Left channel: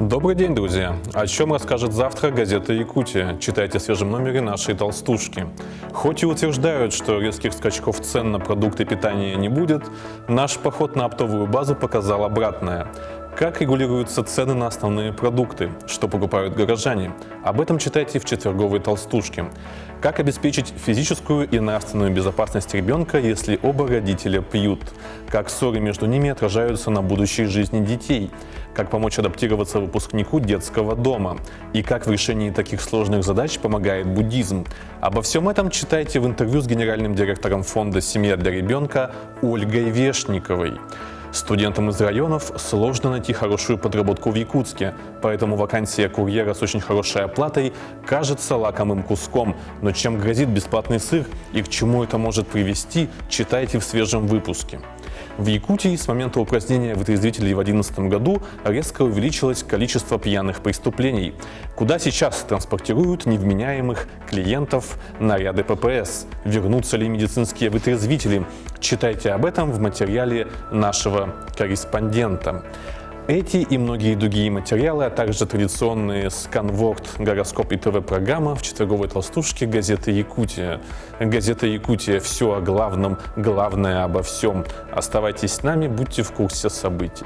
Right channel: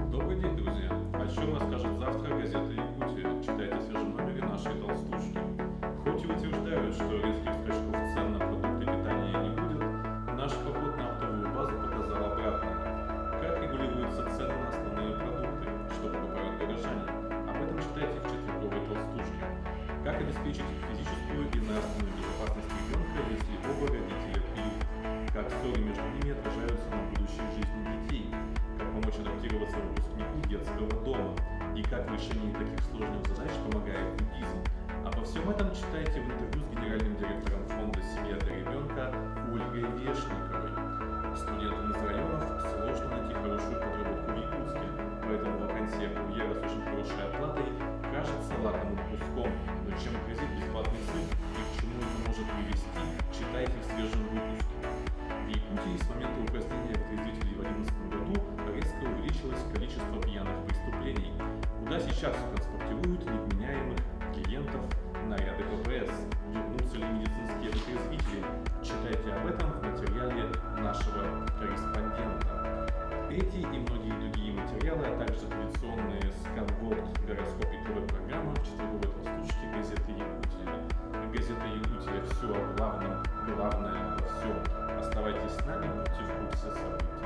Добрый день, друзья! О чем расскажет завтра газета «Якутия»? Читайте в свежем номере нашей толстушки. Хоть и утверждают, что резких скачков цен на продукты питания не будет, наш поход на оптовую базу показал обратное. Как регулируются цены на основные продукты? Что покупают горожане? Об этом читайте в четверговой толстушке. Как обеспечить физическую и нравственную безопасность ребенка, если оба родителя пьют? Как ссоры между ними отражаются на будущей жизни детей? Как помочь адаптироваться выпускнику детского дома? И как в решении таких сложных задач помогает буддизм? Обо всем этом читайте в интервью с генеральным директором фонда «Семья для ребенка» Ольгой Вешниковой. Студентам из районов сложно найти хорошую подработку в Якутске, поэтому вакансия курьера с очень хорошей оплатой кажется лакомым куском. Но чем грозит бесплатный сыр и к чему это может привести, читайте в свежем выпуске. В Якутии с момента упразднения вытрезвителей в 2011 году резко увеличилось количество пьяных преступлений. Куда сейчас транспортируют невменяемых клиентов наряды ППС? Вернутся ли медицинские вытрезвители? Читайте об этом в материале нашего корреспондента. Эти и многие другие материалы, а также традиционные сканворд, гороскоп и ТВ-программа в четверговой толстушке газеты «Якутия». Газета «Якутия» – все о главном, главное обо всем. Оставайтесь с нами, будьте в курсе событий.